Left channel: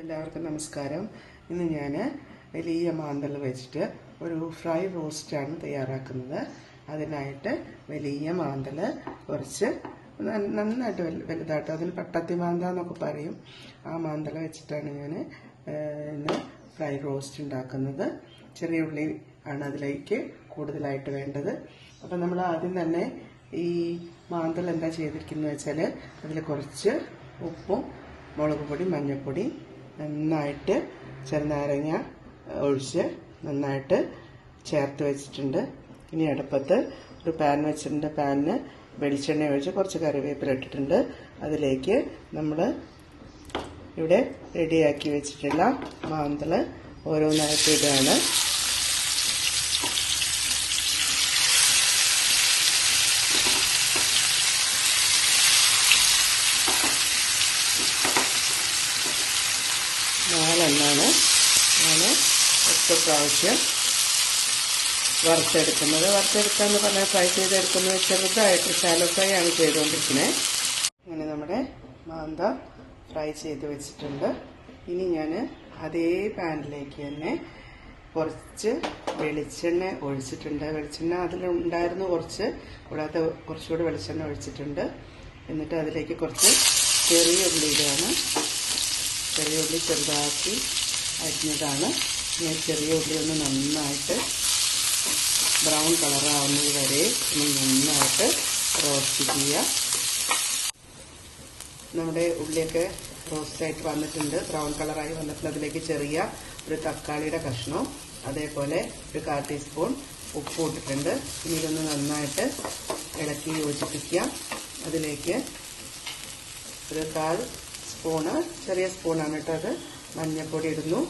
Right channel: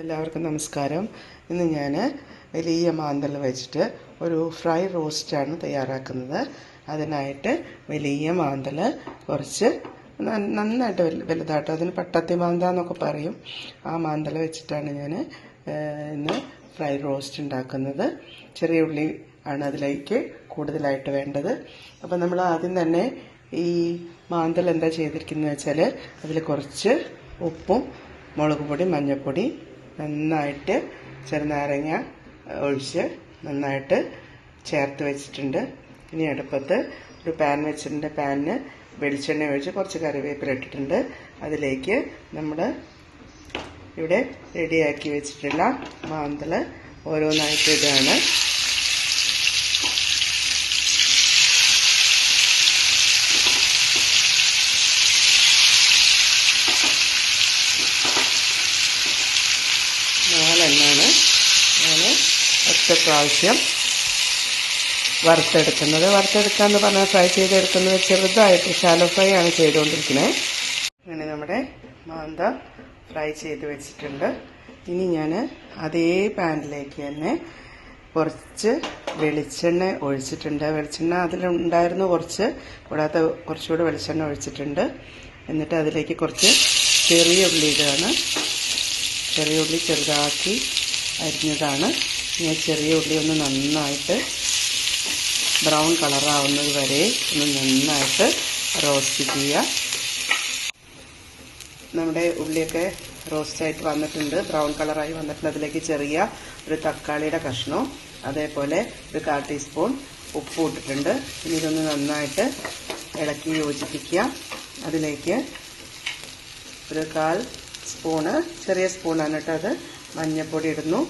എല്ലാവർക്കും നമസ്കാരം. ഇന്ന് ഞാൻ വലിയ മാന്തൽ വെച്ചിട്ട് ഒരു ഫ്രൈ റോസ്റ്റാണ് തയ്യാറാക്കുന്നത്. അതിനായിട്ട് വലിയ മാന്തൽ കുറച്ച് നന്നായിട്ട് വലുതായിട്ട്, അതിന് പട്ടത്തി മാന്ത എന്നൊക്കെ പറയും. ആ മാന്തൽ വെച്ചിട്ടാണ് ഞാൻ ഇന്ന് ഫ്രൈ റോസ്റ്റ് ഉണ്ടാക്കുന്നത്. ചെറിയ ഉള്ളി ആണ് അതിലേക്ക് കൂടുതലായിട്ട് വേണ്ടത്. അപ്പോൾ നമ്മൾ ആദ്യം തന്നെ ഈ മാന്തൽ എന്താ ചെയ്തിരിക്കുന്നത് വെച്ചാൽ അതിൽ കുറച്ച് ഉപ്പും മുളക് പൊടി, മഞ്ഞൾപ്പൊടി നന്നായിട്ട് ചെറുനാരങ്ങ ഒഴിച്ച് നന്നായിട്ട് ചേർത്ത് വെച്ചിട്ടുണ്ട്. ഇനി അടുപ്പത്ത് ഒരു പാൻ വെച്ചിട്ടുണ്ട്. പാനിന് വെളിച്ചെണ്ണ ഒഴിച്ച് കുറച്ച് കറിവേപ്പില ഇട്ടിട്ടുണ്ട്. അതിലേക്ക് നമ്മൾ ഇവിടെ റെഡിയാക്കി വെച്ചിട്ടുള്ള മാന്തൽ ഓരോന്നായിട്ട് ഇടുകയാണ്. നാലെണ്ണമാണ് ഞാൻ ഒറ്റ പ്രാവശ്യം വറുത്തെടുക്കുന്നത്. വറുത്തെടുക്കാന്ന് പറഞ്ഞാൽ ഫ്രൈ ചെയ്തെടുക്കുന്നത് ചെറുതായിട്ട് ഷാലോ ഫ്രൈ ആണ് ചെയ്തുകൊണ്ടിരിക്കുന്നത്. അങ്ങനെ നമ്മുടെ മാന്ത ഫ്രൈ ചെയ്ത് വെച്ചിട്ടുണ്ട്. ഇനി ഞാൻ അതേ പാനിലേക്ക് തന്നെ കുറച്ച് വെളിച്ചെണ്ണ ഒഴിച്ചിട്ടുണ്ട്. വെളിച്ചെണ്ണ അതിലുണ്ടായിരുന്നു കുറച്ച്, കൂടാതെ കുറച്ചുകൂടി വെളിച്ചെണ്ണ ഒഴിച്ചിട്ടുണ്ട്. എന്നിട്ട് അതിലേക്ക് കുറച്ച് ചെറിയ ഉള്ളി ഇടുകയാണ്. ചെറിയ ഉള്ളി ചെറുതാക്കി അരിഞ്ഞതാണ്. ഞാൻ ചെറിയ ഉള്ളി ഒന്ന് നന്നായിട്ട് ബ്രൗൺ കളറാവുന്നത് വരെ ഇനി നന്നായിട്ട് റോസ്റ്റ് ചെയ്യുക. നമ്മുടെ ഉള്ളിയൊക്കെ റോസ്റ്റായിട്ട് വന്നിട്ടുണ്ട്, ബ്രൗൺ കളറായി വന്നിട്ടുണ്ട്. അതിലേക്ക് ചെറിയ ഒരു തക്കാളിയുടെ കഷ്ണവും അതേപോലെ ഒരു 1/4 ടീസ്പൂൺ ഉപ്പും ഇട്ടിട്ടുണ്ട്. ഇനി ഇതൊന്ന് നന്നായിട്ട് ഇളക്കി യോജിപ്പിക്കുക. അതിലേക്ക് ഒരു 1/4 സ്പൂണ്, ചെറിയ സ്പൂണാണ് കേട്ടോ അത്, മഞ്ഞൾപ്പൊടി ഇടുന്നു.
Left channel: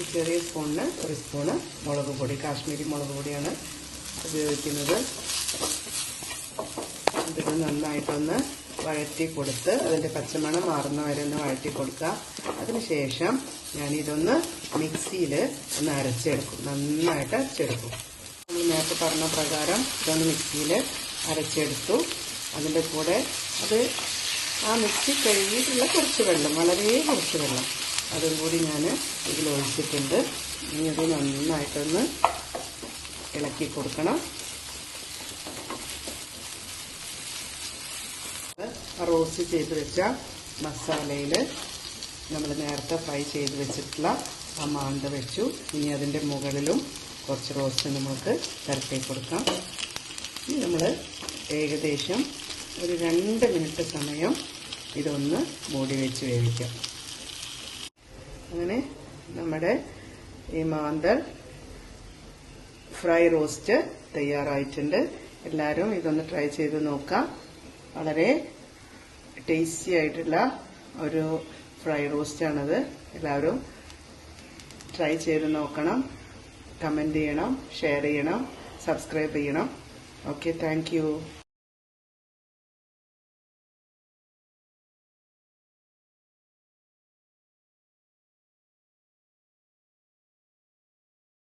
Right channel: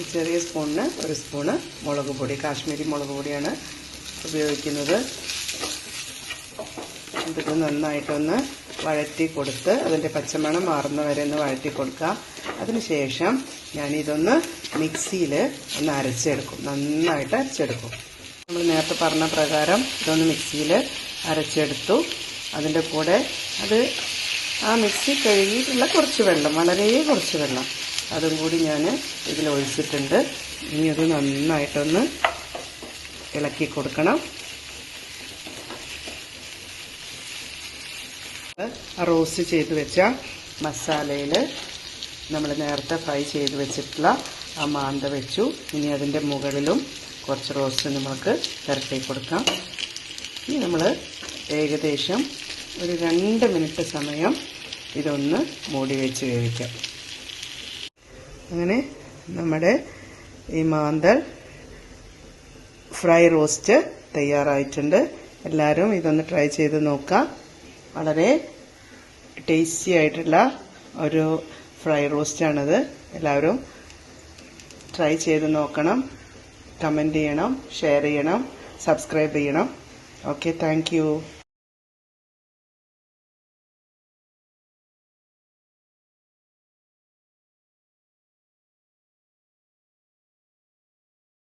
ഈ ചെറിയ സ്പൂണിന് 1 സ്പൂണ് മുളക് പൊടി, കാശ്മീരി മുളക് പൊടിയാണ് ഉപയോഗിക്കുന്നത്. ഇത് നന്നായിട്ടൊന്ന് വഴറ്റി കൊടുത്ത് അതിൻ്റെ പച്ചമണം മാറുന്ന വരെ ഒന്ന് വഴറ്റി കൊടുക്കുക. അതിനുശേഷം ഞാനിതൊന്ന് മിക്സിയിൽ ഒന്ന് അരച്ചെടുക്കും, നന്നായിട്ട് അരച്ചെടുക്കും. നമ്മൾ നേരത്തെ പറഞ്ഞ പ്രകാരം ഇതൊന്ന് മിക്സിയിൽ അരച്ചെടുത്തു. അതിൻ്റെ കൂടെ ആ മിക്സി കഴുകിയിട്ടുള്ള കുറച്ച് വെള്ളം, വളരെ കുറച്ച് വെള്ളം, അതും കൂടി ഞാൻ ഇതിൽ ഒഴിച്ചിട്ടുണ്ട്. ഇനി അത് നന്നായിട്ടൊന്ന് ഇളക്കി കൊടുക്കണം. റോസ്റ്റ് ചെയ്ത് വെച്ച മസാലയിൽ നമ്മൾ നേരത്തെ ഫ്രൈ ചെയ്ത് വെച്ചിട്ടുള്ള ആ മാന്ത വെച്ചു. ഇനി അതിൻ്റെ മുകളിലും കുറച്ച് റോസ്റ്റ് നമുക്ക് പുരട്ടി കൊടുക്കാം. ഇനി നമ്മൾ ഏകദേശം ഒരു 2 മിനിറ്റ് സമയം ഇതൊന്ന് മൂടി വെച്ച് വേവിക്കാം. അങ്ങനെ നമ്മുടെ ഈ മാന്തൽ ഫ്രൈ റോസ്റ്റ് തയ്യാറായിട്ടുണ്ട്. എല്ലാവരും ഇതൊന്ന് ട്രൈ ചെയ്ത് നോക്കാം. വളരെ ടേസ്റ്റി ആയിട്ടുള്ള ഒരു ഫ്രൈ റോസ്റ്റാണിത്. എല്ലാവരും ട്രൈ ചെയ്ത് നോക്കണം. കമൻറ്റ് ചെയ്യണം, ഷെയർ ചെയ്യണം, സബ്സ്ക്രൈബ് ചെയ്യണം. Okay, thank you.